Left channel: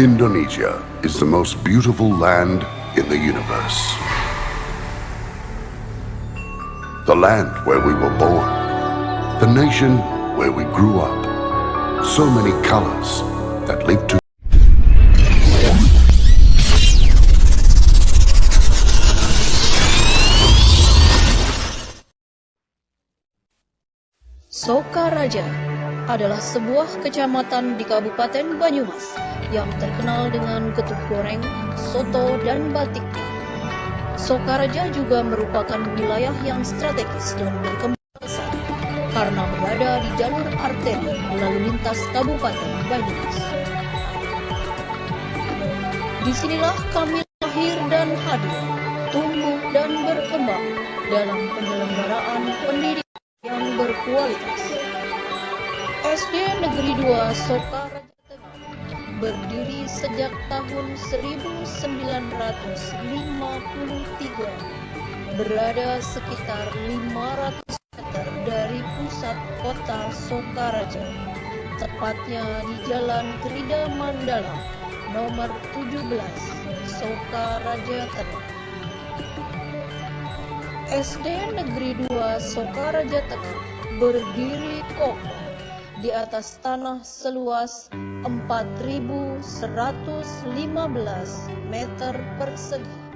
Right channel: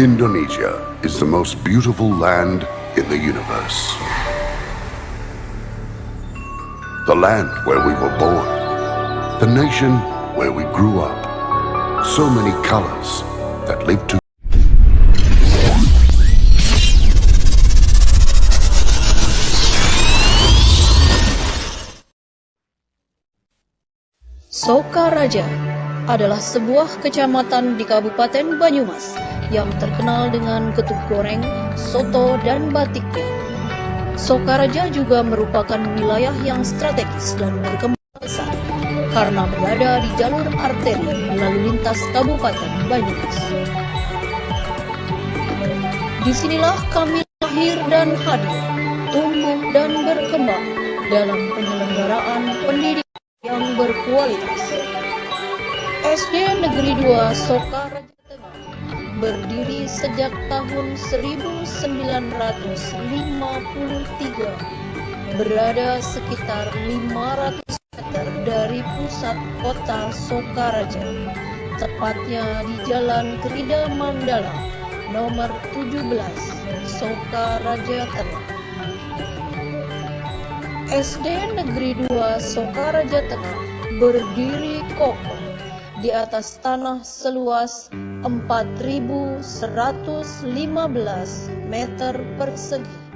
Indonesia is the most beautiful land in the universe. The land where we were born. The nation where we grew up. So many colors that live to Sokaraja adalah sebuah kecamatan di Kabupaten Banyumas yang terkenal dengan getuk goreng, soto, dan batiknya. Sokaraja juga merupakan wilayah yang strategis dan berkembang pesat karena berada di jalur arteri lalu lintas Kabupaten Banyumas. Disinilah kami lahir dan hadir, tumbuh dan berkembang dalam penyelenggaraan pendidikan yang berkualitas. SD Negeri 2 Sokaraja Tengah berdiri sejak tahun 1953, berada sekitar 500 meter dari pusat kota Sokaraja, tepatnya di Jalan Krida Mandala, nomor 17, Sokaraja Tengah. SD Negeri 2 Sokaraja Tengah berdiri kokoh di atas tanah seluas 4.115 meter persegi.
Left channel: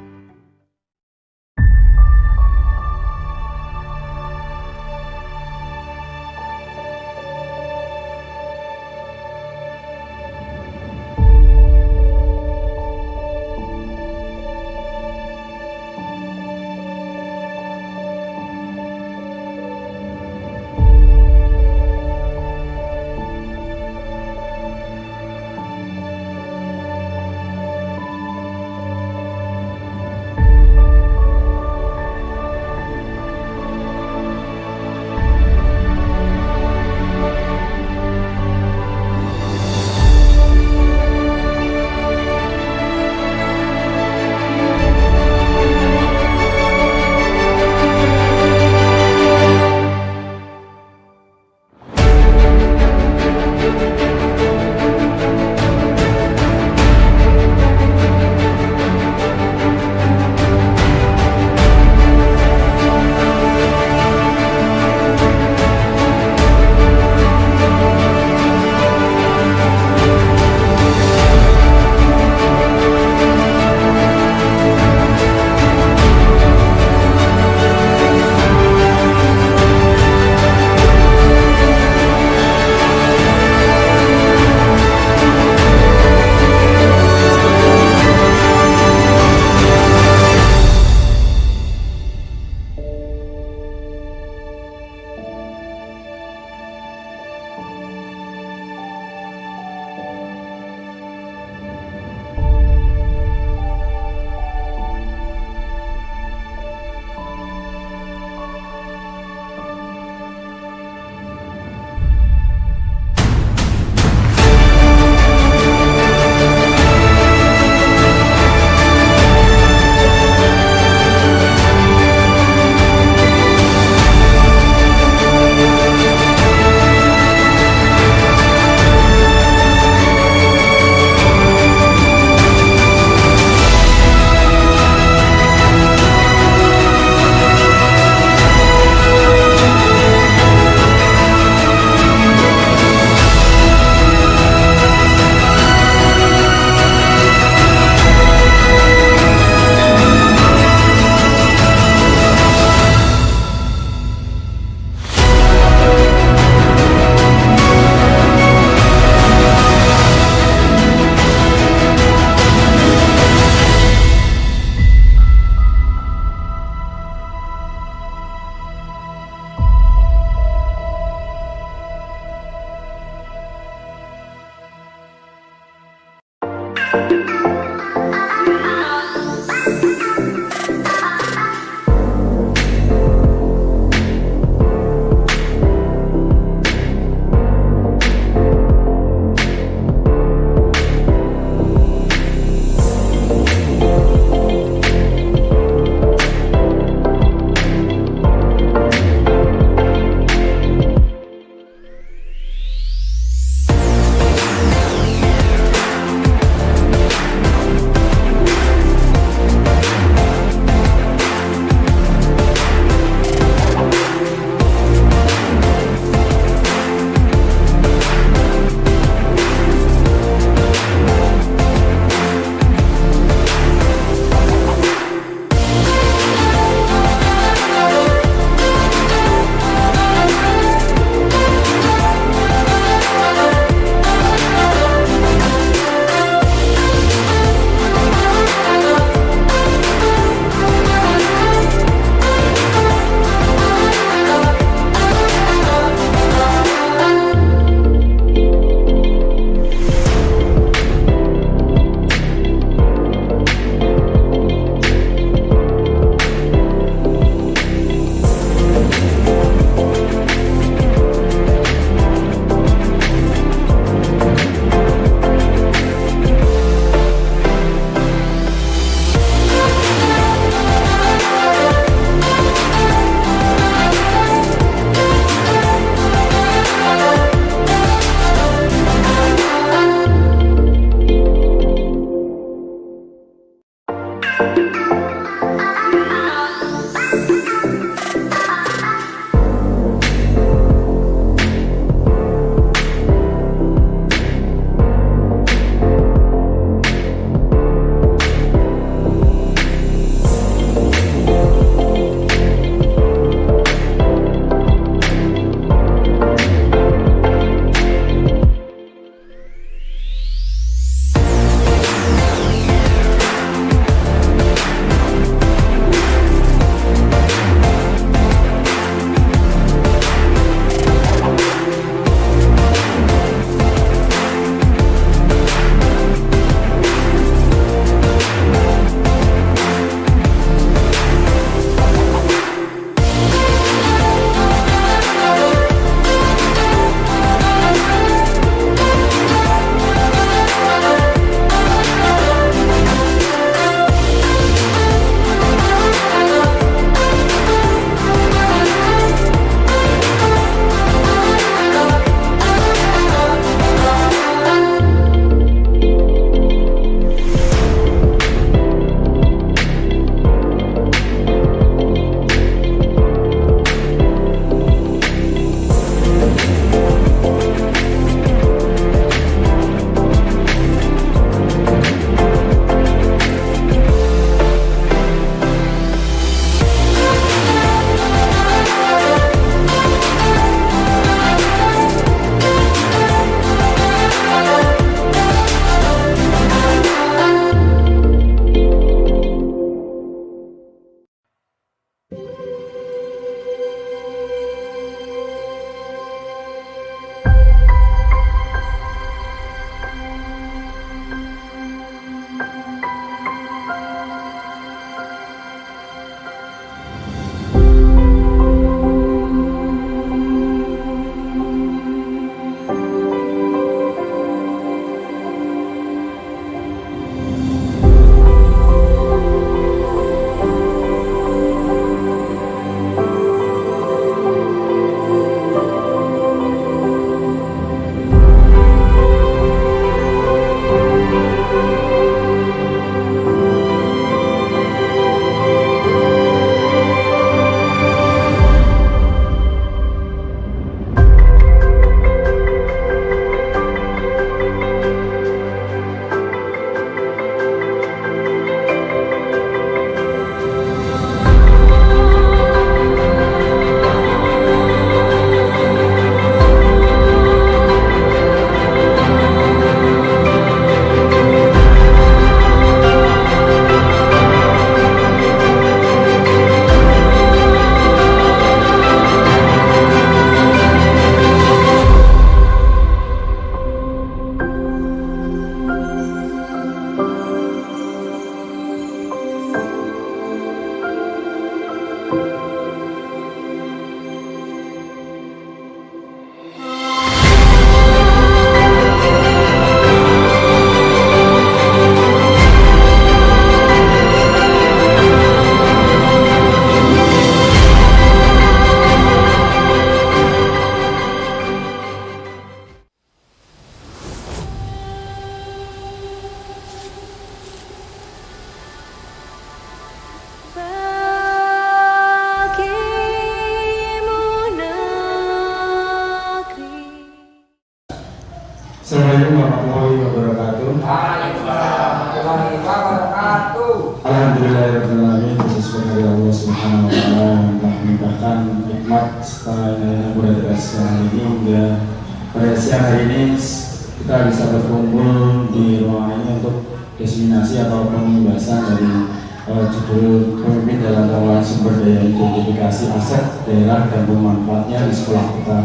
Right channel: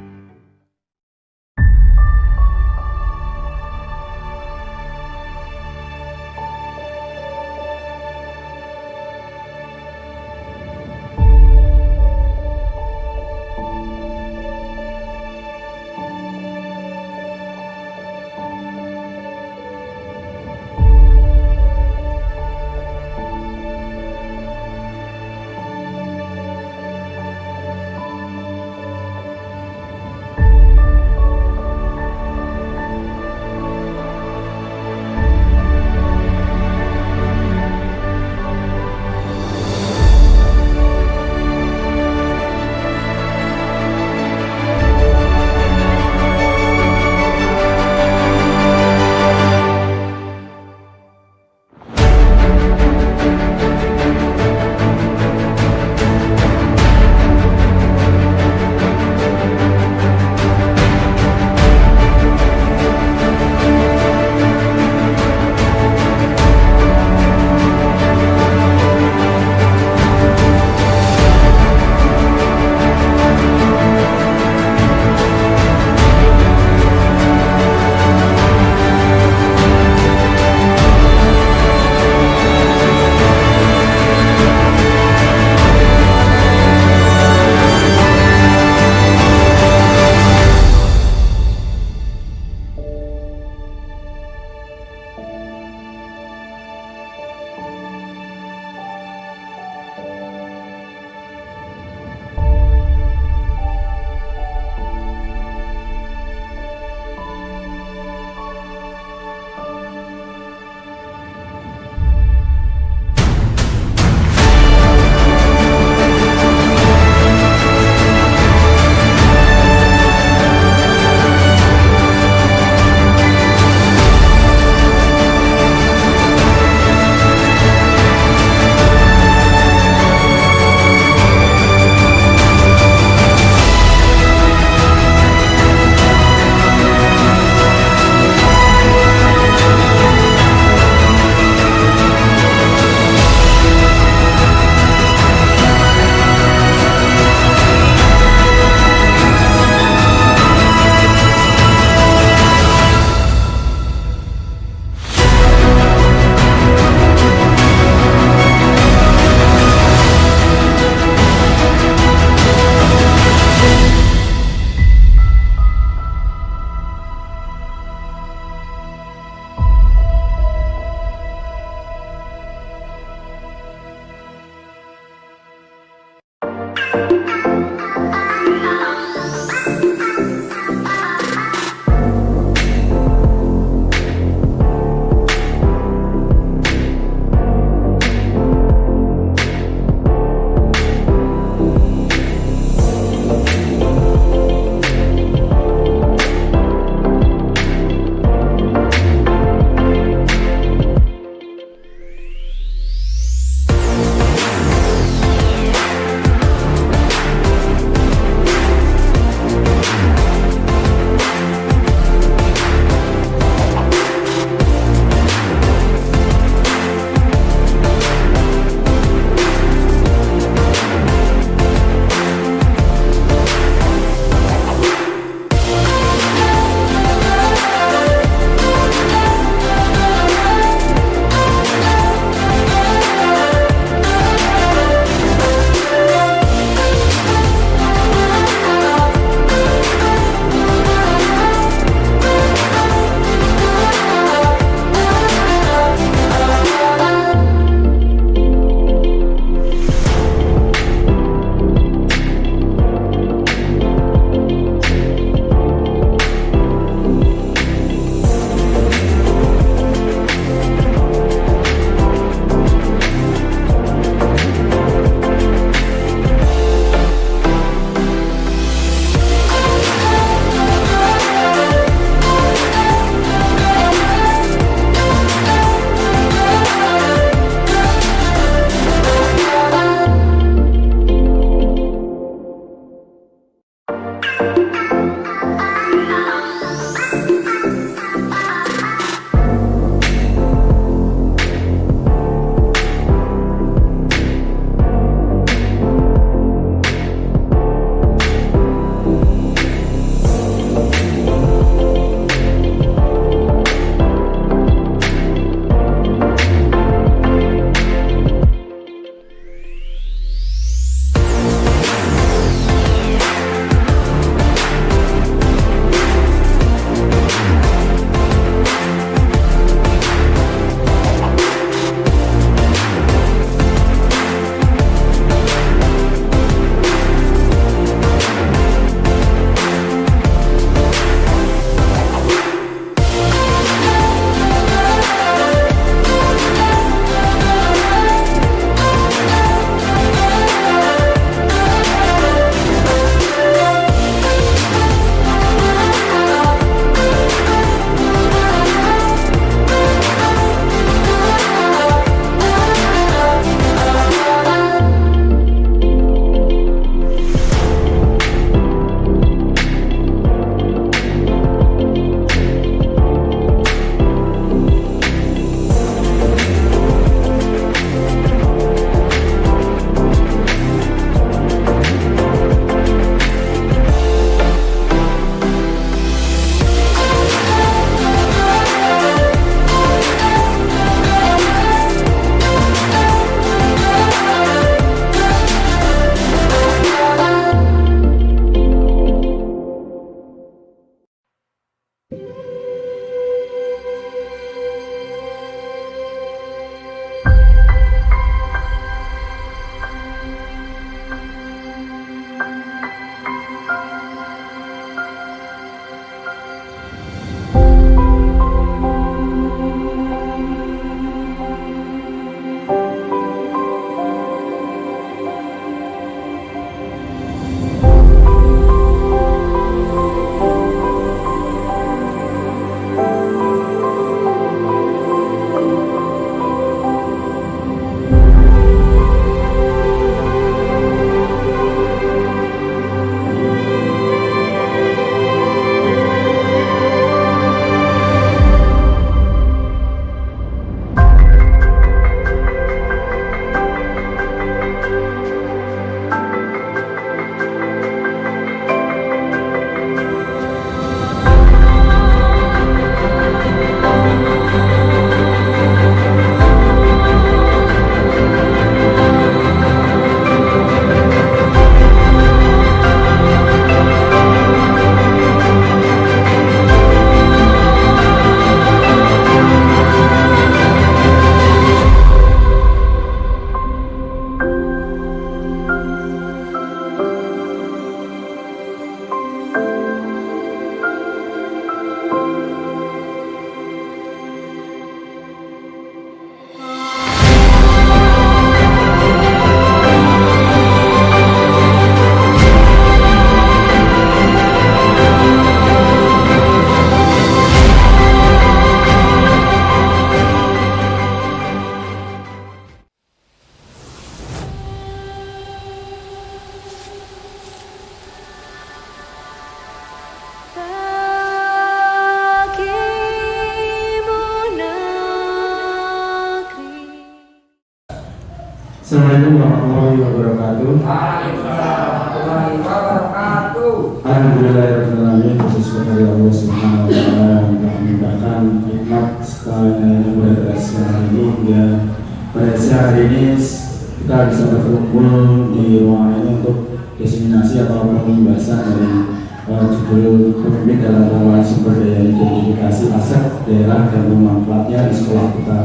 berjudul Pemimpin dalam Pengelolaan Sumber Daya Identifikasi Aset Daerah dan Pemanfaatnya di Sekolah kita.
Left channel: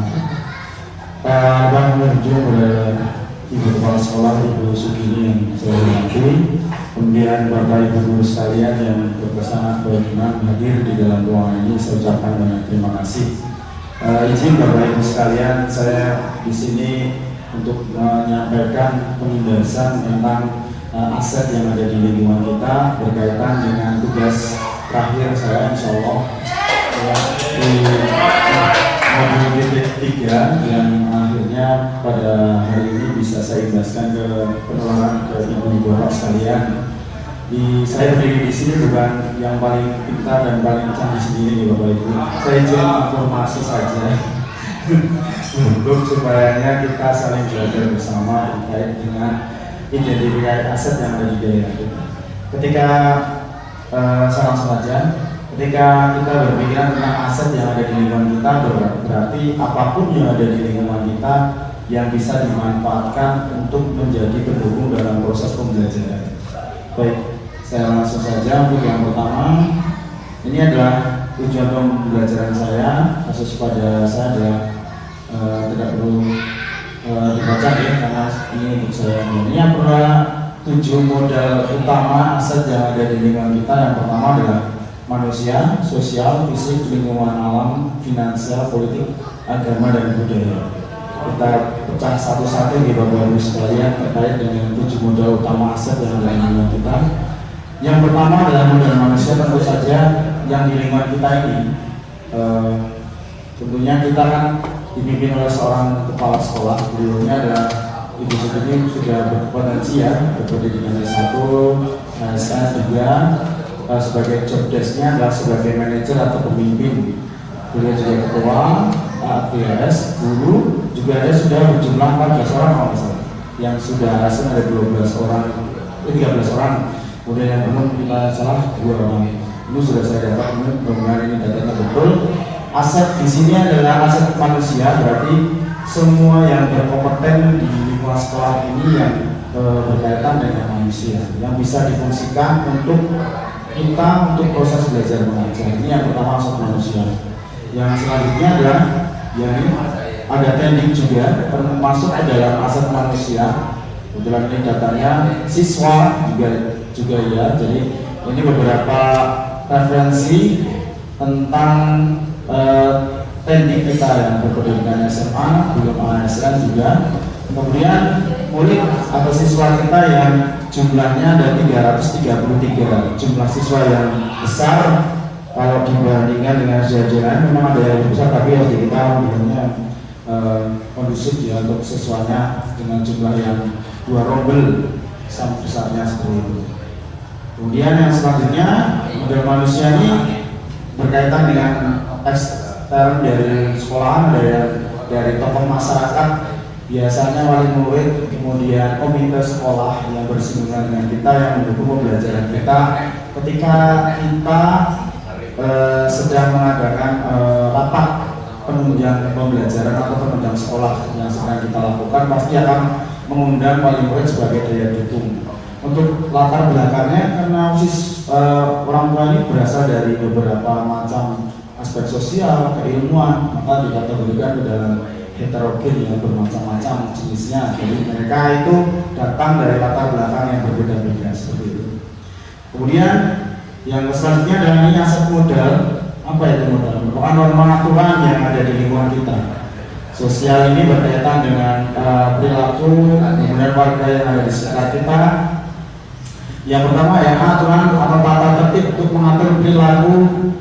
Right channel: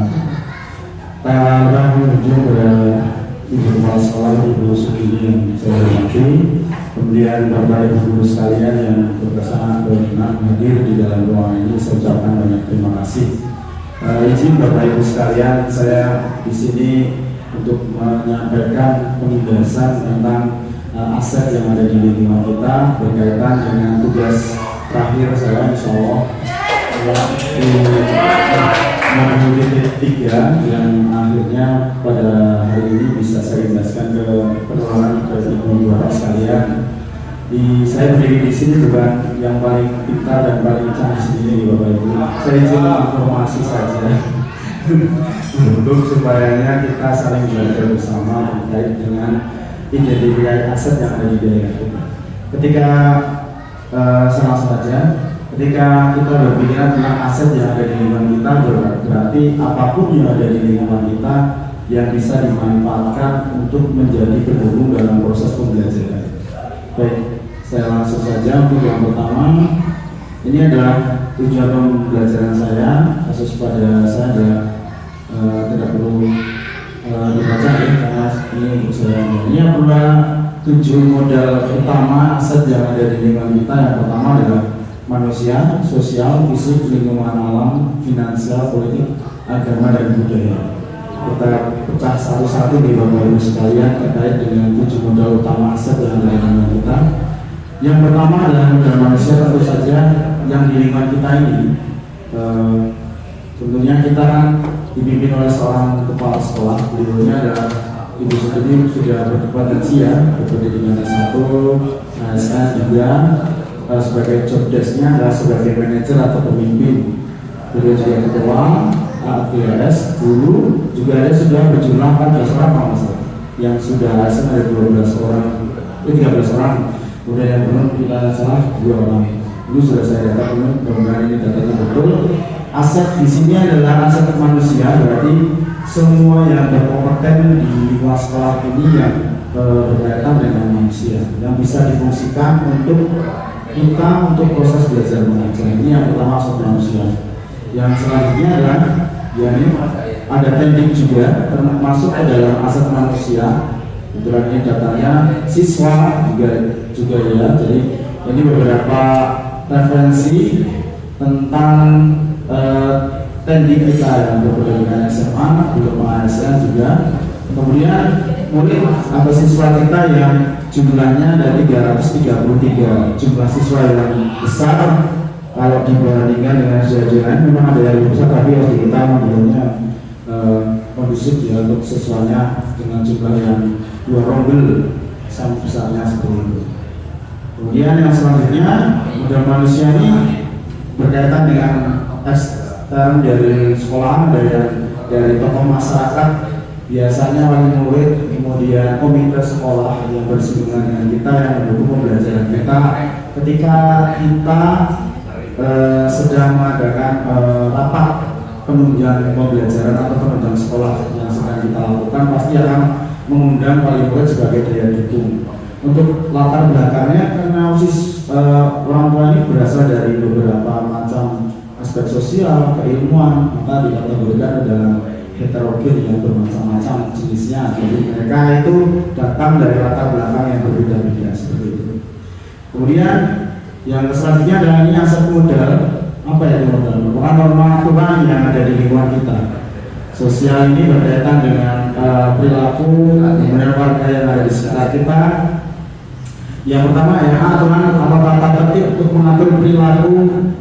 Para pengunjung Ibu Kepala Sekolah Ibu Sugini yang saya hormati, kemudian Bapak Ibu Guru sekalian yang berkenan hadir di dalam ruangan ini, saya ucapkan banyak terima kasih. Izin Bapak Ibu sekalian, saya di sini untuk menyampaikan penjelasan tentang aset yang ada di lingkungan kita berkaitan dengan tugas terakhir saya, insya Allah di titik 3 yang akhirnya pada hari ini bisa saya jelaskan ke persoalan ke ibu-ibu bapak sekalian. Saya berdiri di sini bukan yang paling pintar dan paling canggih sendiri bapak ibu. Saya izin informasi saja untuk supaya kita saling belajar bersama terkait dengan identifikasi aset yang ada di daerah kita. Ketika saya langsung saja, ketika kita berbicara tentang aset yang ada di lingkungan kita, berarti apapun yang ada di lingkungan kita yang bisa dimanfaatkan untuk menjadi pendukung dalam proses pembelajaran. Baik, saya langsung saja untuk yang pertama. Ini adalah tujuan pembelajaran saya. Kasus pada saya adalah tidak perlu dibaca ya, karena ini untuk saya. Ini adalah 7 modal utama aset yang ada di lingkungan kita. Yang pertama adalah manusia, sosial, fisik, lingkungan alam, finansial, politik, agama, dan budaya. Kita pecah satu-satu di Bapak Ibu sekalian terkait dengan 7 modal utama aset yang ada di lingkungan kita. Yang pertama adalah modal manusia, tentu saja yang di lingkungan kita ini. Tentunya kita kan dipimpin oleh seorang kepala sekolah. Beliaunya adalah Ibu Sugini, sudah berkompetensi ya, berpendidikan S1, S3, sebagai job desk-nya adalah sebagai manajer atau pemimpin. Beliau juga ketua APS, guru juga ada sudah berjumlah 14 orang yang sudah asing ada 12 orang, 13 orang. Kemudian yang belum kita salah 2 orang. Ini sudah saya data penuh, mudah-mudahan ini datanya betul. Aset di sini adalah aset manusia, berarti semua yang berkompeten di lingkungan sekolah ini yang berkaitan dengan manusia yang bisa difungsikan untuk kita untuk proses belajar mengajar. Ini yang pertama aset manusia. Yang selanjutnya adalah yakni ada teknik juga termasuk ke dalam aset manusia. Kebetulan ini datanya siswa juga ya. Jadi ini beberapa referensi tentang teknik kita yang berpendidikan SMA, belum ASN juga. Kemudian murid atau siswa kita yang jumlahnya ada 333 jumlah siswa yang besar kalau dibandingkan dengan siswa lain. Memang ada yang lebih besar, tapi ya kita menurutnya kondusif ya untuk siswanya dengan jumlah yang 2 rombel sama besarnya 10. Kemudian yang selanjutnya modal manusia ini berkaitan dengan ekstern dari sekolah, dari tokoh masyarakat, biasanya wali murid, kemudian komite sekolah yang bersinggungan dengan kita yang mendukung pembelajaran kita. Ketika kita sedang mengadakan rapat penunjang pembelajaran atau penunjang sekolah yang sedang kita lakukan, pasti akan mengundang wali murid sebagai daya dukung. Untuk latar belakangnya, karena orang tua ini berasal dari beberapa macam aspek sosial, keilmuan, maka dikategorikan dalam heterogen yang bermacam-macam jenisnya. Jadi mereka itu datang dari latar belakang yang berbeda-beda seperti itu. Kemudian yang selanjutnya adalah ini aset modal. Apa itu modal? Norma aturan yang ada di lingkungan kita. Sosial ini berkaitan dengan perilaku kemudian warga yang ada di sekitar kita. Yang pertama ya aturan atau tata tertib untuk mengatur perilaku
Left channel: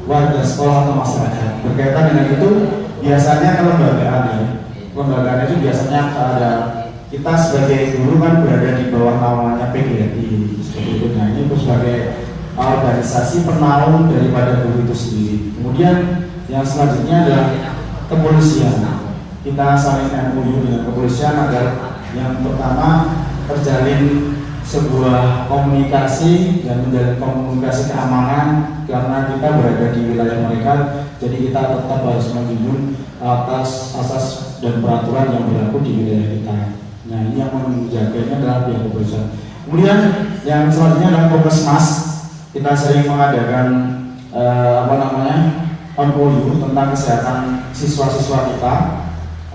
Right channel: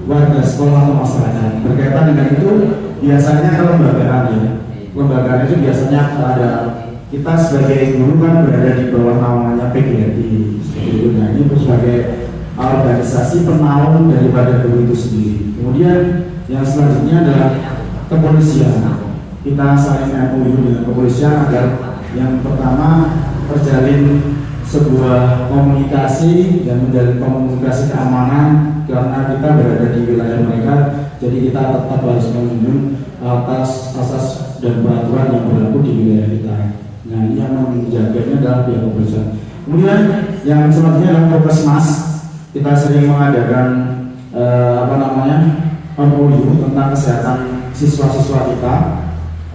warga sekolah atau masyarakat. Berkaitan dengan itu biasanya kelembagaan ya. Kelembagaan itu biasanya ada kita sebagai guru kan berada di bawah naungannya PGRI seperti itu. Nah ini sebagai organisasi penaung daripada guru itu sendiri. Kemudian yang selanjutnya adalah kepolisian. Kita saling MOU dengan kepolisian agar yang pertama terjalin sebuah komunikasi dan menjalin komunikasi keamanan karena kita berada di wilayah mereka, jadi kita tetap harus menjunjung atas asas dan peraturan yang berlaku di wilayah kita. Nah ini yang menjaganya adalah pihak kepolisian. Kemudian yang selanjutnya adalah Puskesmas kita sering mengadakan MOU tentang kesehatan siswa-siswa kita,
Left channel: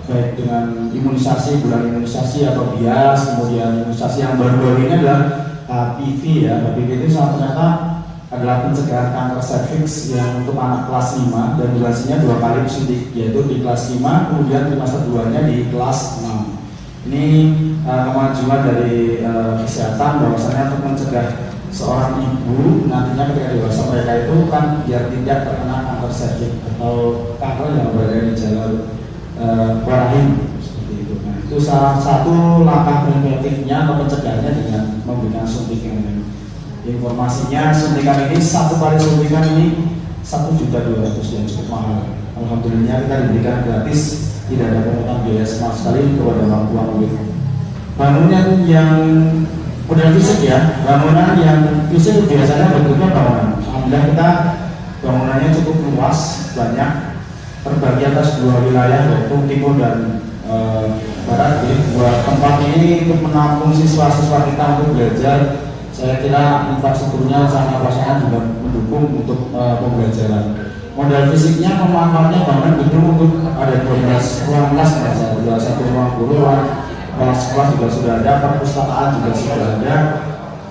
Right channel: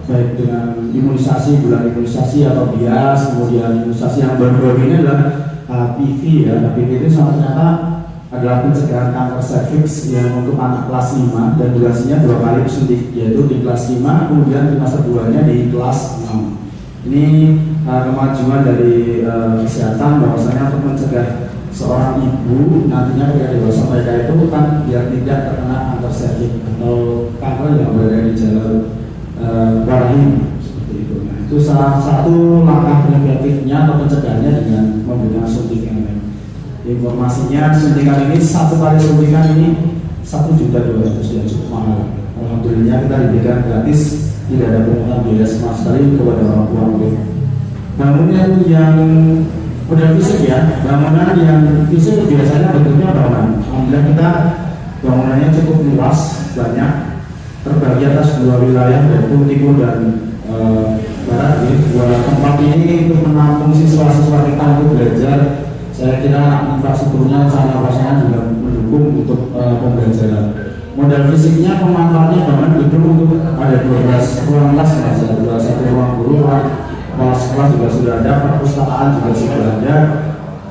baik dengan imunisasi, bulan imunisasi atau bias, kemudian imunisasi yang baru-baru ini adalah HPV ya. HPV itu ternyata adalah pencegahan kanker serviks yang untuk anak kelas 5 dan durasinya 2 kali suntik, yaitu di kelas 5 kemudian di masa 2-nya di kelas 6. Ini kemajuan dari kesehatan bahwasanya untuk mencegah seorang ibu nantinya ketika dewasa mereka itu kan biar tidak terkena kanker serviks atau kanker yang berada di jalur rahim seperti itu. Nah, itu salah satu langkah preventifnya atau pencegahannya dengan memberikan suntikan ini. Informasinya suntikan ini, satu kali suntikan ini 1.200.000 yang cukup mahal. Alhamdulillah kita diberikan gratis, tidak ada pungutan biaya sama sekali kepada orang tua. Bangunan yang udah fisik ya, bangunan yang fisik biasanya bentuknya bangunan. Alhamdulillah kita bangunannya cukup luas, banyak, terbagi atas 2 wilayah yaitu timur dan barat. Jadi 2 tempat ini untuk menampung siswa-siswa kita untuk belajar. Saya kira infrastrukturnya sama pasangan juga mendukung untuk pembelajaran. Modal fisiknya pemanfaatannya banget itu untuk ada 12 ruang kelas, ada 1 ruang guru, kelas-kelas juga sudah ada, perpustakaan juga sudah ada.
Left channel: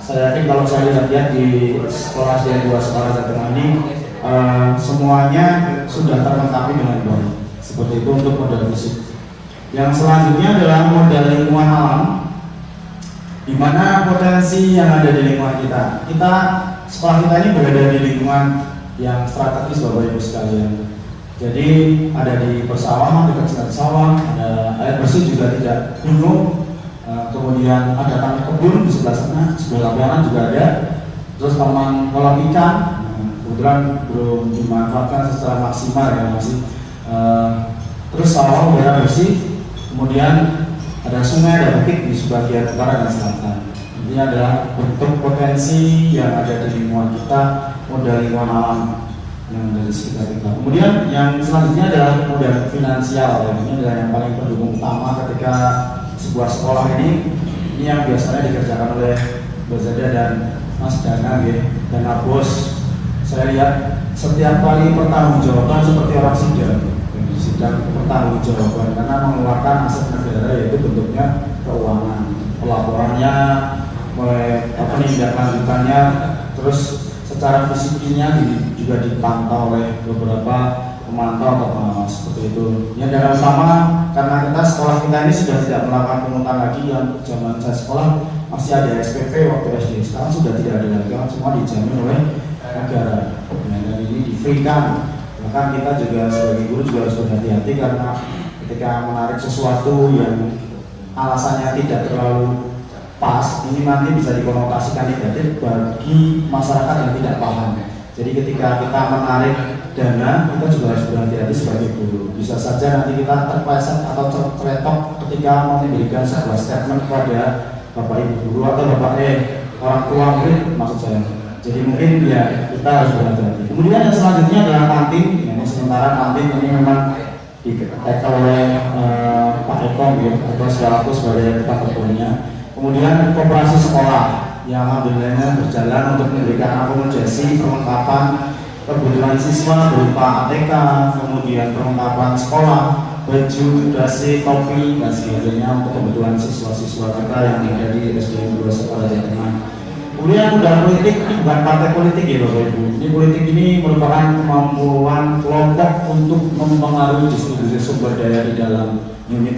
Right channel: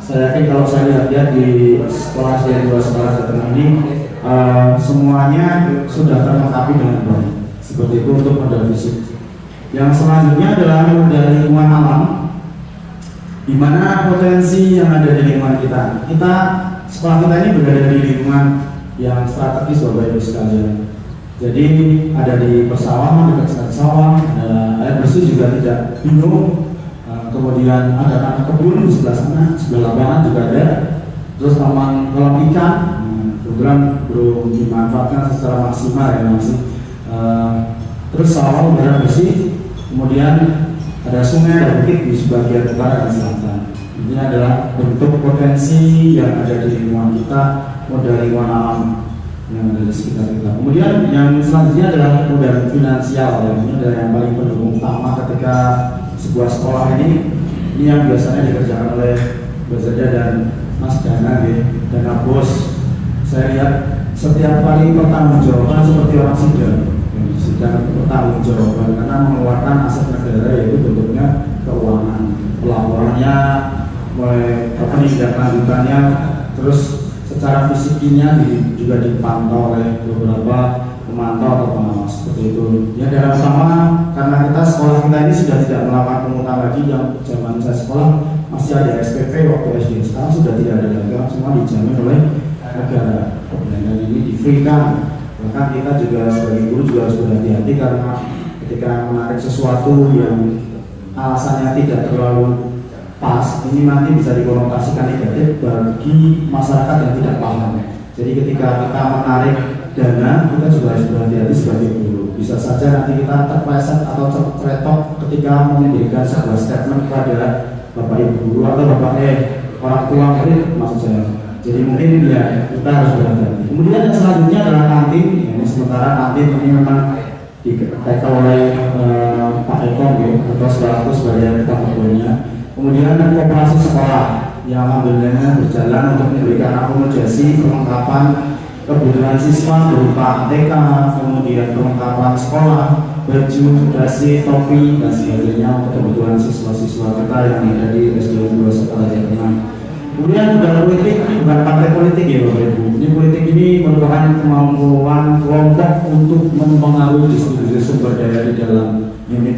Saya yakin kalau saya lihat di sekolah saya 2 sekolah Jateng ini semuanya sudah terlengkapi dengan baik. Seperti itu untuk modal fisik. Yang selanjutnya adalah modal lingkungan alam, di mana potensi yang ada di lingkungan kita. Sekolah kita ini berada di lingkungan yang strategis Bapak Ibu sekalian. Jadi ada di persawahan, dekat sawah, ada air bersih juga tidak gunung, kemudian ada taman kebun di sebelah sana, sebelah lapangan juga ada. Terus taman kolam ikan, kebetulan belum dimanfaatkan secara maksimal ya masih. Terus sawah udara bersih, kemudian ada sungai dan bukit di sebagian utara dan selatan. Ini adalah bentuk potensi yang ada di lingkungan kita, modal lingkungan alam yang ada di sekitar kita. Kemudian yang selanjutnya adalah modal finansial. Ini adalah yang paling pendukung utama ketika sebuah sekolah ini yang biasanya dikerjakan oleh Bazada dan Mas Dana, Dana Bos. Saya lihat setiap kali pertanggungjawaban seperti orang sidang pertanggungjawaban karena mengeluarkan aset negara, yaitu bentuknya keuangan, pelaporannya, mulai lanjutannya, terus secara fisiknya juga dipantau oleh beberapa pemantau atau pengawas seperti itu. Yang dalam sama karena kita sekolah kita ini sudah tidak melakukan pungutan lagi. Yang zaman saya sekolah masih ada SPP waktu SD, sekarang sudah tidak ada lagi, semua dijamin oleh negara. Dan ini di-free-kan. Bahkan kita juga sebagai guru juga harus berhati-hati karena ketika menarik sesuatu yang alasannya tidak terlalu pas, ini nanti bisa dikonotasikan negatif bagi masyarakat yang tidak paham. Jadi ketika kita menarik dana, kita juga harus berhati-hati sebagai guru. Bisa saja nanti kita terpleset atau tercetok ketika memberikan sebuah statement kepada Bapak Ibu guru atau Bapak orang tua murid maksud saya. Jadi mungkin ya kita harus berhati-hati. Kemudian yang selanjutnya adalah kantin. Ini sementara kantin ini memang diketek oleh Pak Eko atau selaku sebagai ketua. Kemudian koperasi sekolah yang alhamdulillah berjalan untuk memberikan akomodasi perlengkapan kebutuhan siswa berupa TK, kemudian perlengkapan sekolah, baju, dasi, topi dan sebagainya untuk kebutuhan siswa-siswa kita yang ada di SD 2 Sekolah Jateng. Kemudian dalam politik ini bukan partai politik ya Bapak Ibu. Ini politik ini merupakan kemampuan kelompok untuk mempengaruhi distribusi sumber daya di dalam unit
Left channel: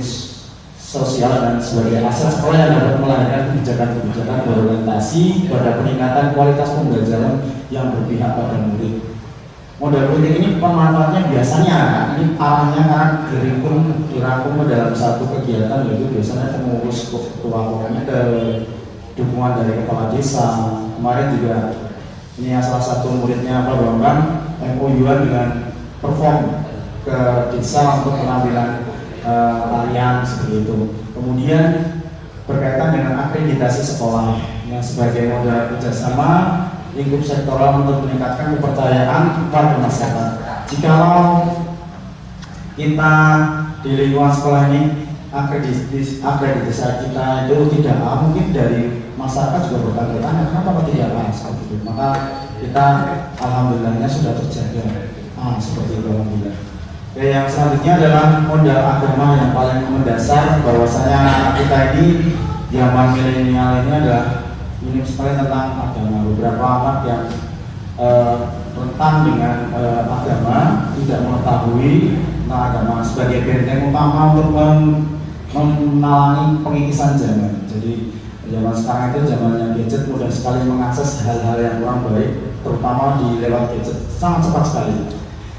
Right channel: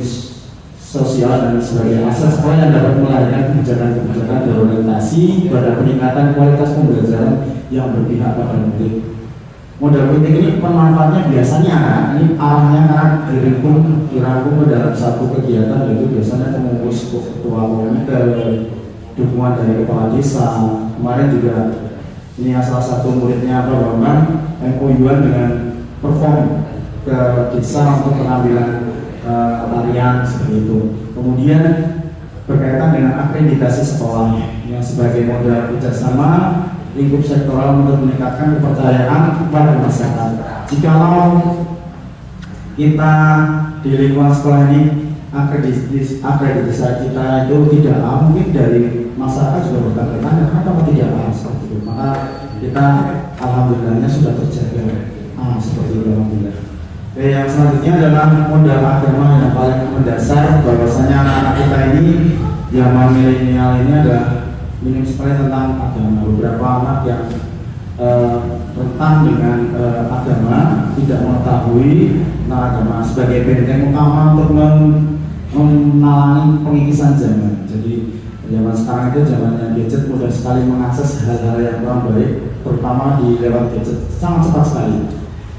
sosial dan sebagai aset sekolah yang dapat melahirkan kebijakan-kebijakan berorientasi pada peningkatan kualitas pembelajaran yang berpihak pada murid. Modal politik ini pemanfaatnya biasanya ini arahnya kan dirangkum ke dalam satu kegiatan, yaitu biasanya pengurus ketua komite, dukungan dari kepala desa. Kemarin juga ini salah satu muridnya Pak Bambang MOU-an dengan perform ke desa untuk penampilan tarian seperti itu. Kemudian berkaitan dengan akreditasi sekolah yang sebagai modal kerjasama lingkup sektoral untuk meningkatkan kepercayaan kepada masyarakat. Jikalau kita di lingkungan sekolah ini akreditasi kita itu tidak mungkin dari masyarakat juga bertanya kenapa tidak seperti itu. Maka kita kita alhamdulillahnya sudah terjaga. Seperti itu alhamdulillah. Yang selanjutnya adalah modal agama yang paling mendasar, bahwasanya anak kita ini zaman milenial ini adalah minim sekali tentang agama. Beberapa anak yang rentan dengan agama, tidak mengetahui agama sebagai benteng utama untuk menalangi pengikisan zaman. Jadi zaman sekarang itu zamannya gadget, mudah sekali mengakses hal-hal yang kurang baik, terutama di lewat gadget, sangat cepat sekali.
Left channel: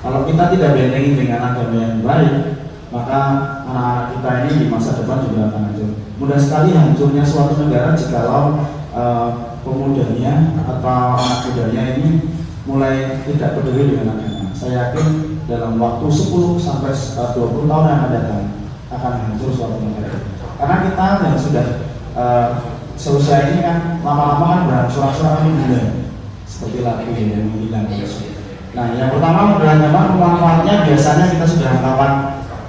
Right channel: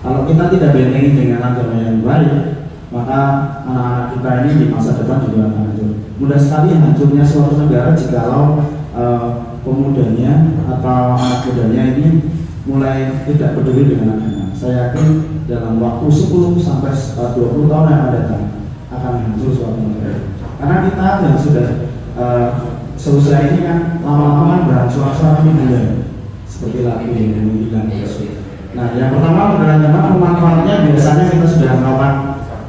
Kalau kita tidak bentengi dengan agama yang baik, maka kita ini di masa depan juga akan hancur. Mudah sekali hancurnya suatu negara jikalau pemudanya atau anak mudanya ini mulai tidak peduli dengan agama. Saya yakin dalam waktu 10 sampai 20 tahun yang akan datang akan hancur suatu negara. Karena kita yang sudah seusia ini kan lama-lama kan berangsur-angsur hilang, seperti lagi yang hilang. Nah, yang pertama modal agama manfaatnya biasanya kita sudah melakukan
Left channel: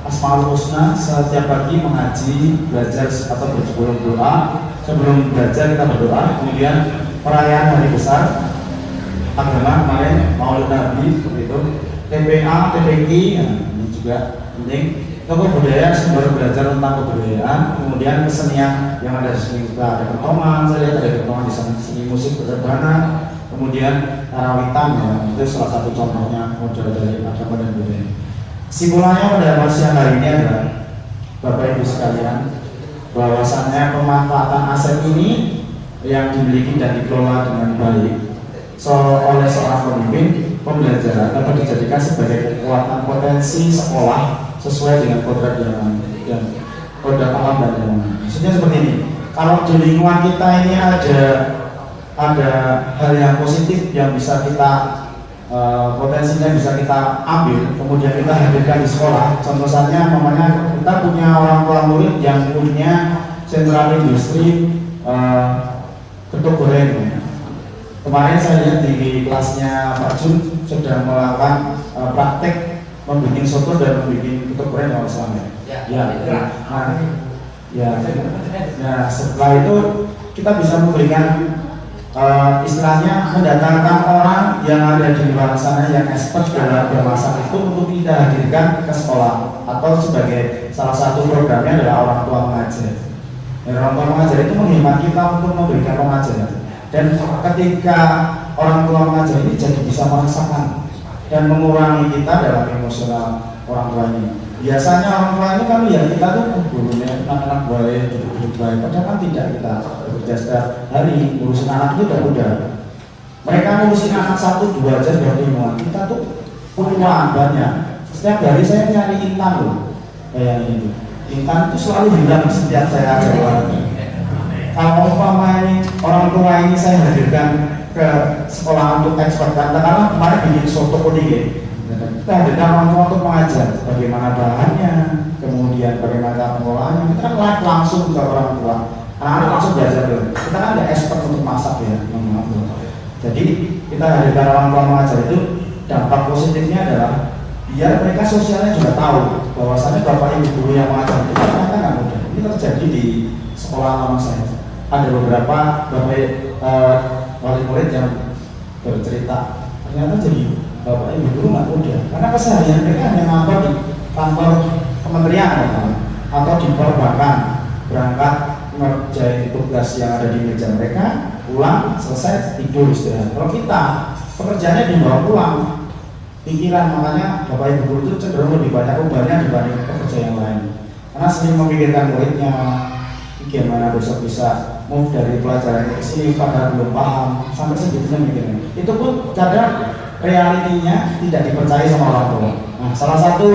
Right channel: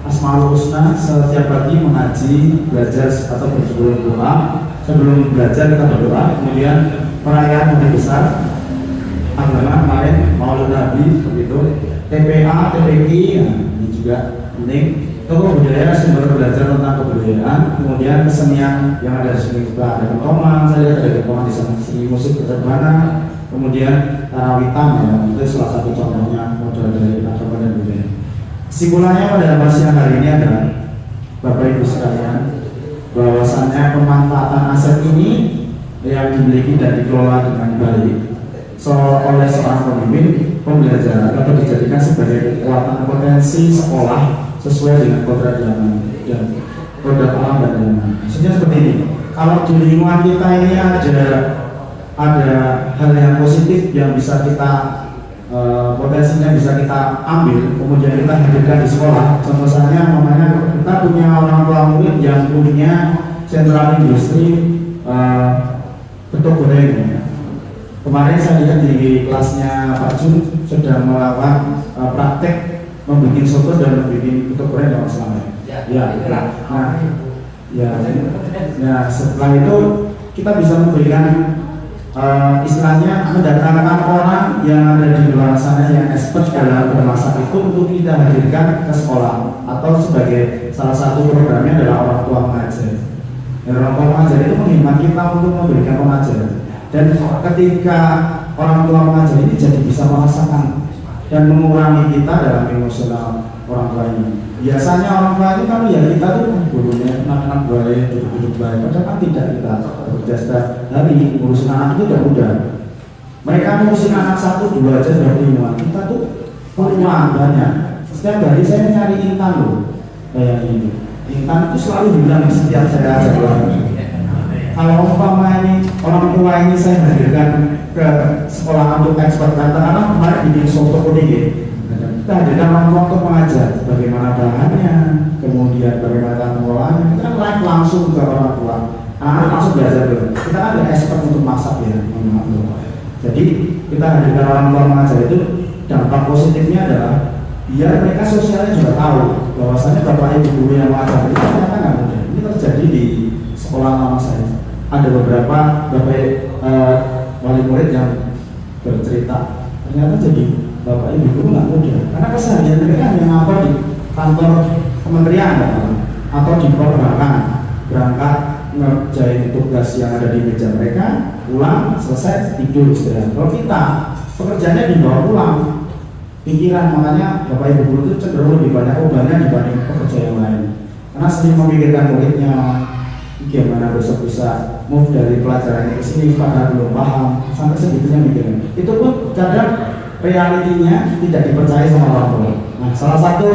Asmaul Husna setiap pagi mengaji, belajar atau bersebelum berdoa. Sebelum belajar kita berdoa, kemudian perayaan hari besar agama kemarin Maulid Nabi seperti itu, TPA, TPI, ini juga penting. Tokoh budaya, sumber belajar tentang kebudayaan, kemudian kesenian yang ada di sini juga ada kentongan, saya lihat ada kentongan di sana, seni musik bersebana, kemudian karawitan, ya, itu salah satu contohnya modal dari agama dan budaya. Kesimpulannya pada siang hari ini adalah Bapak Ibu sekalian, bahwasannya pemanfaatan aset ini yang dimiliki dan dikelola dengan baik oleh seorang pemimpin pembelajaran atau dijadikan sebagai kekuatan potensi sekolah sesuai dengan kodrat zaman dan kodrat alam dan zaman. Maksudnya seperti ini. Kalau di lingkungan kita ini ada hal yang positif yang bisa kita potensinya bisa kita ambil, kemudian kita hadirkan di sekolah. Contohnya, namanya kita punya orang tua murid yang punya sentral industri ketuk goreng. Kemarin saya lihat di kelasnya Pak Jun sedang melakukan praktek membuat soto dan membuat ketuk goreng kalau salah. Ya, setelah itu kita bisa memberikan istilahnya mendatangkan orang yang ada di luar sana yang expert dalam bermasak itu untuk kita hadirkan ke sekolah, atau sebagai salah satu programnya adalah orang tua mengajar. Orang tua mengajar itu menghemat kita untuk memberikan pengajaran, dan ketika orang tua mengajar ini jadi bisa merasakan dan mengurangi kita dalam emosional orang tua ini. Biasanya orang tua ini kan ya kita tuh gurunya anak-anak baik, hidup baik, padahal kan tidak. Kita bekerja setiap hari ngurusin anak itu udah mudah. Mereka ngurusin anak 1-2 aja sudah bingung. Kita tuh peluang banyak. Setiap hari saya nyari intan loh, kayak ini. Intan itu selalu hilang setiap saya ajak orang. Kalau umpama ini orang tua ini saya hadirkan ke sekolah untuk ekspert, karena kemarin bikin soto koding. Kita hadirkan orang tua untuk mengajar bagaimana bahannya, kemudian bagaimana pengolahannya. Kita kan langsung ke orang tua, anak-anak langsung belajar dulu. Kita ada expert untuk masak ya. Jadi kita hadirkan orang tua mengajar itu, dampak positifnya adalah biar mereka sosialnya juga tahu bahwasannya bapak ibu guru yang mengajar itu ternyata nggak mudah. Ini terjadi di sekolah lama saya. Ada beberapa bapak wali murid yang bercerita ternyata jadi bapak ibu guru nggak mudah, karena keseharian mereka hanya ngapa di kantor kementerian atau di perbankan, berangkat ngerjain tugas yang ada di meja mereka, pulang selesai tidur istirahat. Kalau kita pekerjaannya dibawa pulang pikiran, makanya bapak ibu guru itu cenderung lebih banyak bebannya dibanding pekerja yang lain, karena sering memikirkan muridnya gimana besok bisa move dari pelajaran ke sini, padahal belum paham sampai segitunya mikirnya. Itu pun kadang realitinya tidak dipercaya sama orang tua. Nah, salah satu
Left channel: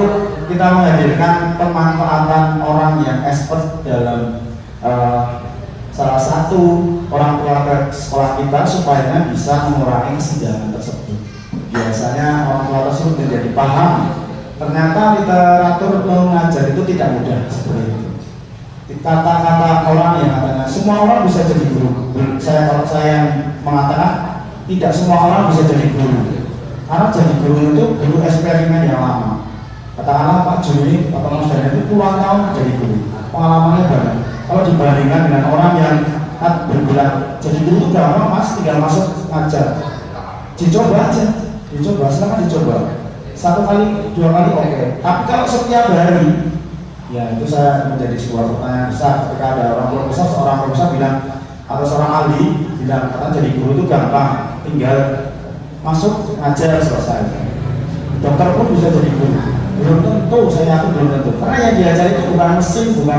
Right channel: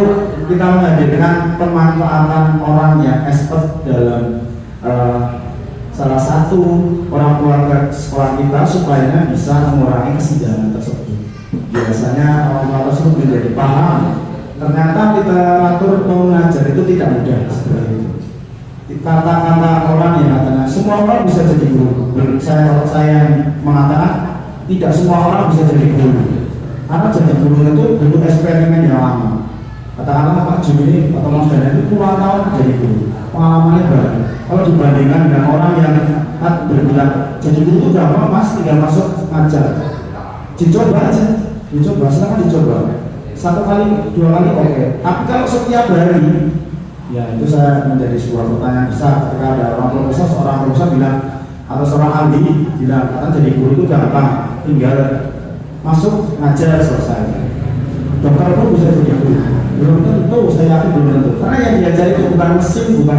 kita menghadirkan pemanfaatan orang yang expert dalam salah satu orang tua ke sekolah kita supaya bisa mengurangi kesenjangan tersebut. Biasanya orang tua tersebut menjadi paham. Ternyata literatur mengajar itu tidak mudah seperti itu. Kata-kata orang yang katanya semua orang bisa jadi guru. Kalau saya mengatakan tidak semua orang bisa jadi guru. Karena jadi guru itu guru eksperimen yang lama. Katakanlah Pak Juni atau Mas Daniel itu puluhan tahun jadi guru, pengalamannya banyak. Kalau dibandingkan dengan orang yang berbulan jadi guru itu berapa Mas tinggal masuk ngajar. dicoba aja, silakan dicoba. 1 kali, 2 kali oke. Tapi kalau setiap hari, ya itu saya menjadi sebuah pertanyaan besar. Ketika ada seorang profesor bilang atau seorang ahli bilang kata jadi guru itu gampang, tinggal masuk ngajar selesai. Dokter pun bisa jadi guru. Belum tentu, saya yakin belum tentu. Karena yang diajar itu bukan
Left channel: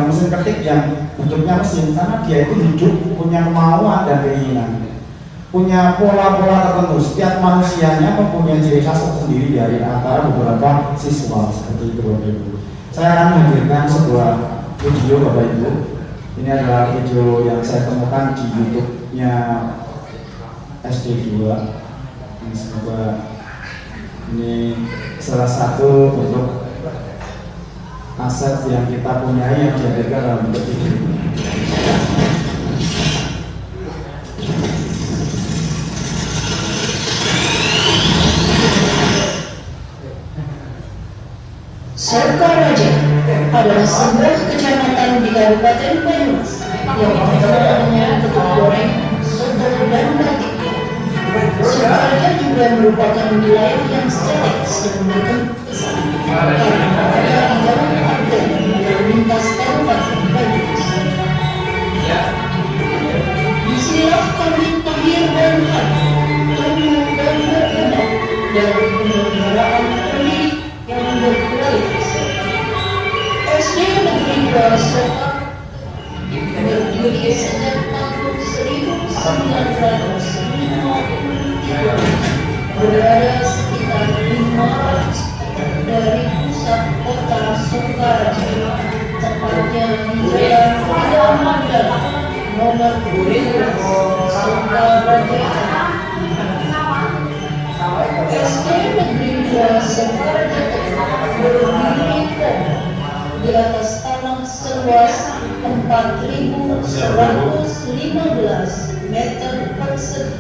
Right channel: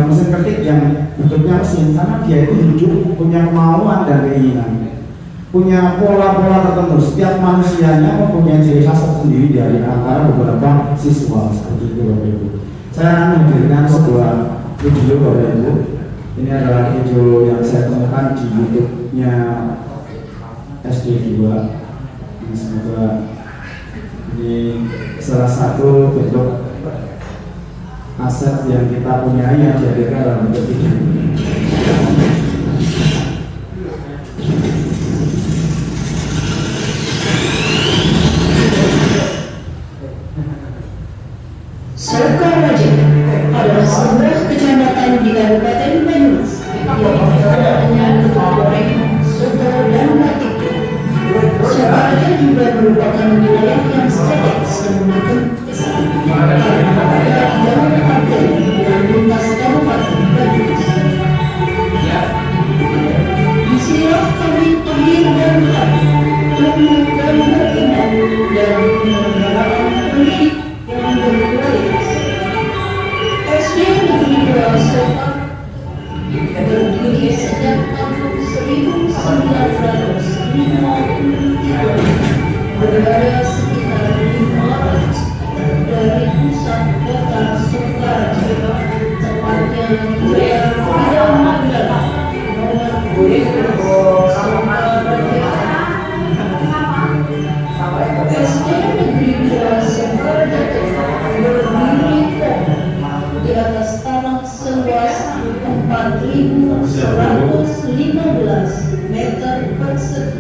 mesin ketik yang bentuknya mesin, karena dia itu hidup punya kemauan dan keinginan, punya pola-pola tertentu. Setiap manusianya mempunyai ciri khas sendiri dari antara beberapa siswa seperti itu Bapak Ibu. Saya akan menghadirkan sebuah video Bapak Ibu. Ini adalah video yang saya temukan di YouTube-nya SD2. Ini semoga ini salah satu bentuk aset yang kita punyai yang dihadirkan dalam bentuk video. Sokaraja adalah sebuah kecamatan di Kabupaten Banyumas yang terkenal dengan ketupat goreng, soto, dan batik. Sokaraja juga merupakan wilayah yang strategis dan mendukung karena ada jalur arteri yang lintas Kabupaten Banyumas. Disinilah kami lahir dan tumbuh dan berkembang dalam menerapkan pendidik yang berkualitas. SD Negeri Sokaraja berdiri sejak tahun 1953, berada sekitar 500 dari pusat kota Sokaraja, tepatnya di Jalan Raya Mandala, nomor 12, Sokaraja. SD Negeri Sokaraja berdiri di atas tanah seluas 4.115 meter persegi.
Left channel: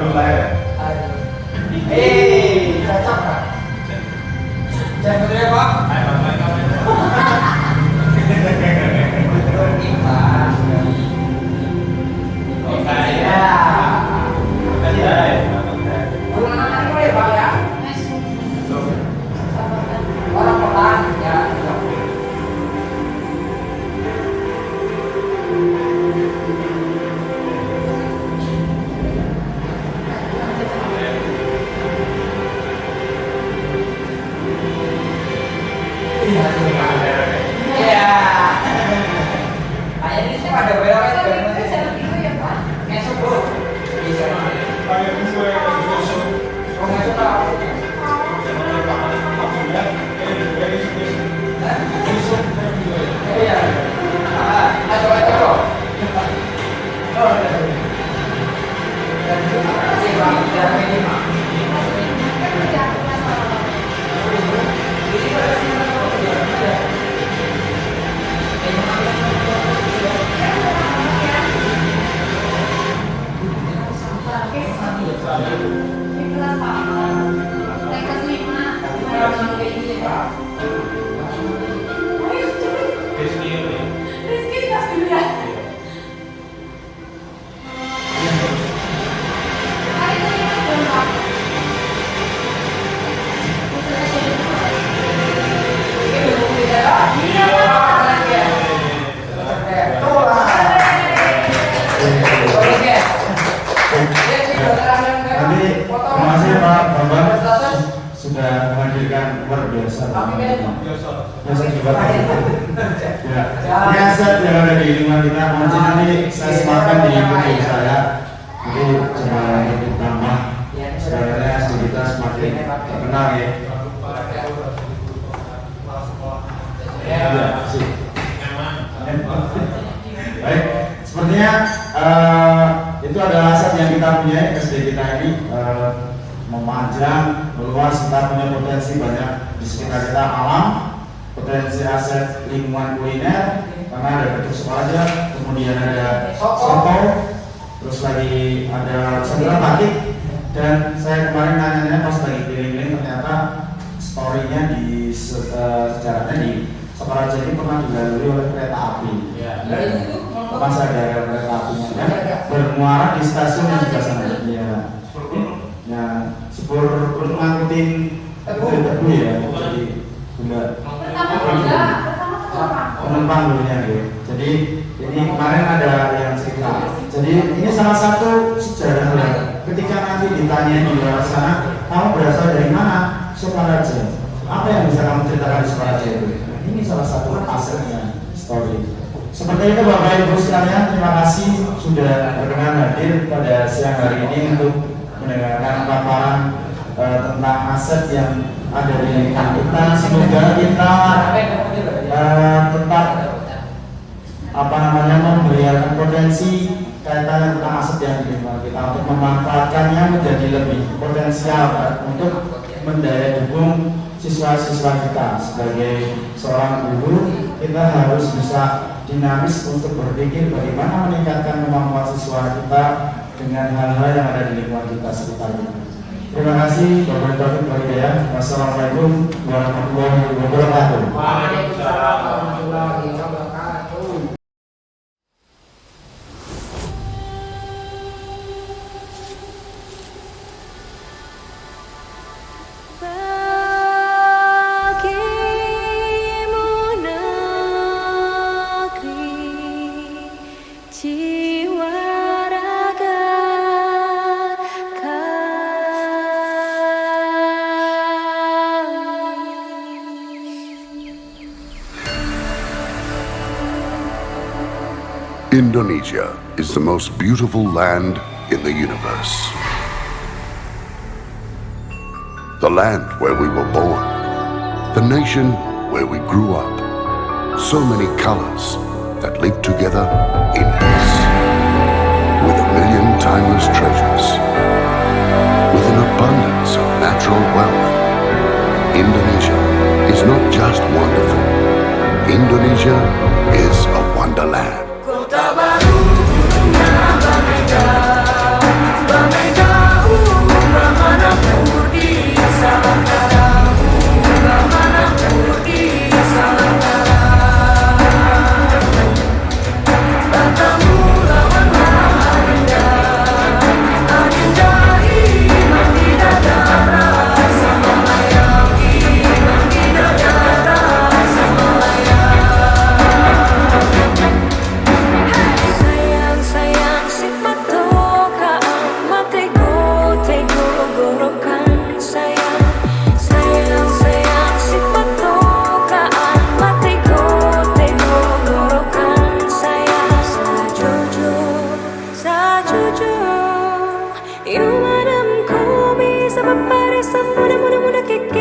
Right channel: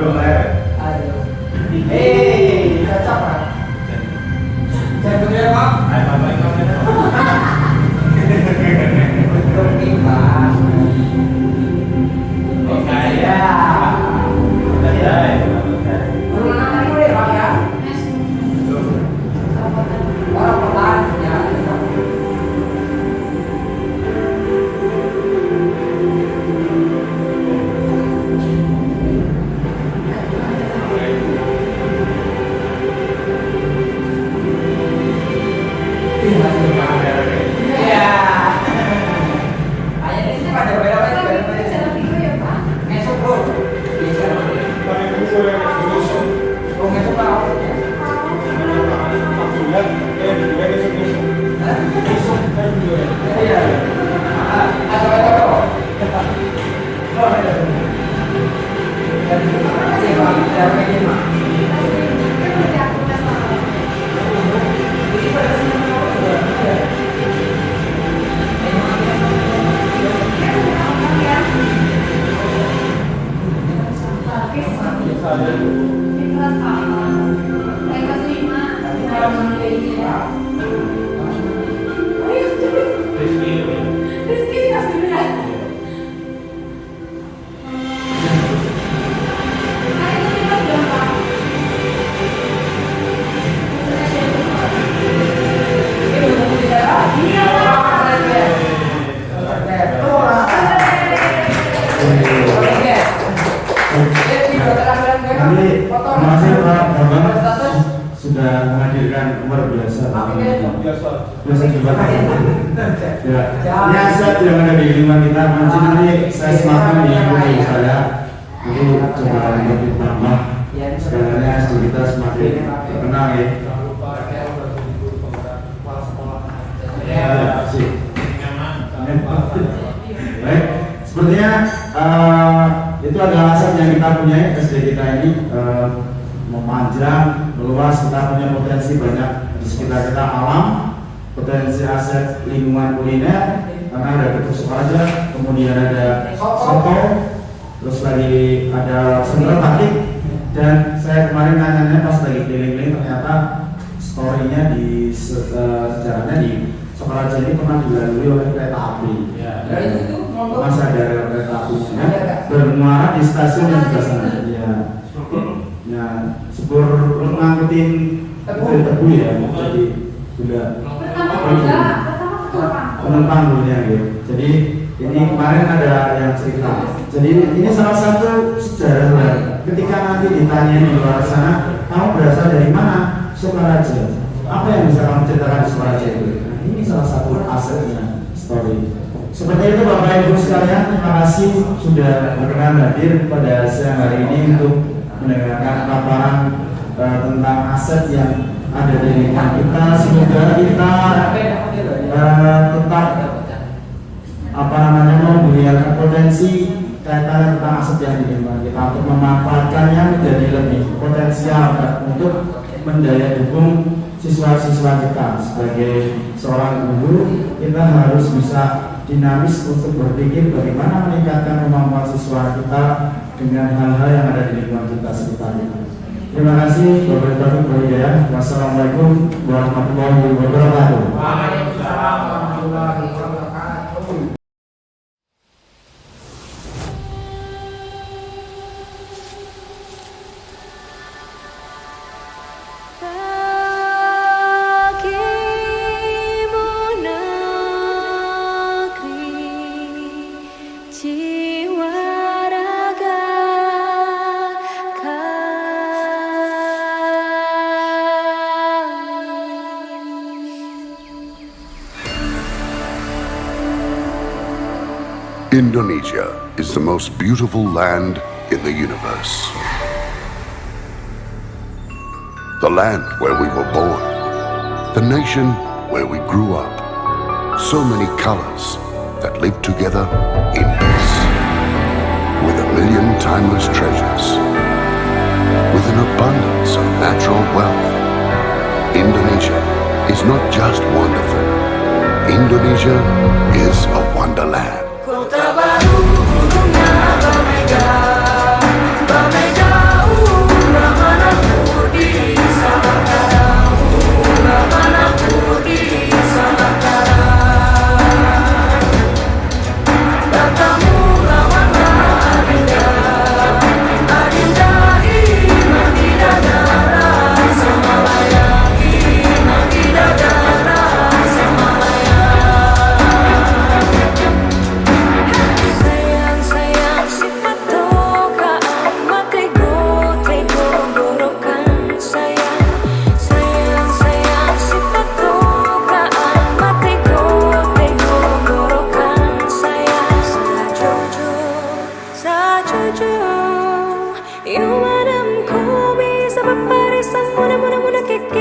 belum lahir. Cocok Pak. Jangan ya Pak. Sudah menghadirkan luar biasa. Biasa coba. Ya, ini aset yang ada di lingkungan kita. Nanti saya sematkan di lingkungan saya. Jadi coba untuk ditambah. Sebenarnya kita semakin terkenal ya. Baik, sepertinya itu adalah aset yang kita punya SD kita ini. Memanjang, meluas, kita punya potensi banyak di sekitar kita, alam, potensi aset lingkungan kuliner, karena ada Getuk Sukoharjo, kemudian ada soto, terus lagi ada sendal batik, dan saya kemarin nanya pas lagi keliling-keliling ternyata story-nya di sejarahnya di Sukoharjo ini pernah dilalui oleh kereta api. Masa dari kereta apinya bermuara di stasiun yang sebelah sana. Ya, sepur untuk ngangkutin tebu ya, jadi gula penumpang dulunya gitu. Jadi ini kemarin ada yang cerita. Jadi ini salah satu sejarah ya. Ketika nanti ditanya di luar sana, kamu berasal dari mana? Sukoharjo. Apa yang bisa kamu ceritakan di Sukoharjo? Ini salah satu asetnya story. Seperti itu Bapak Ibu sekalian, terima kasih sudah berkenan hadir pada siang hari ini untuk mendengarkan paparan tentang aset yang ada di lingkungan kita. Semoga kita tetap memberikan potensi kaitan tentang aset yang di lingkungan kita untuk memanfaatkannya menjadi lebih potensial untuk mendaya dukung siswa-siswa kita. Sebagai seorang guru, kita harus bisa dinamis untuk berpikir bagaimana meningkatkan kemampuan siswa kita dengan hal-hal yang ada di lingkungan kita sekitar ini. Terima kasih. Wassalamualaikum warahmatullahi wabarakatuh. Waalaikumsalam warahmatullahi wabarakatuh. Indonesia is the most beautiful land in the universe. The land where we were born. The nation where we grew up. So many colors that live together in peace. With a million timeless treasures. With an abundance of natural wealth. Indonesia is not just wonderful. Indonesia is a wonderland. Kota baru dunia Bamega, Bamega. 사주죠 요만한 곰이 사바바리 쌈 무나 무나 무나 깨깨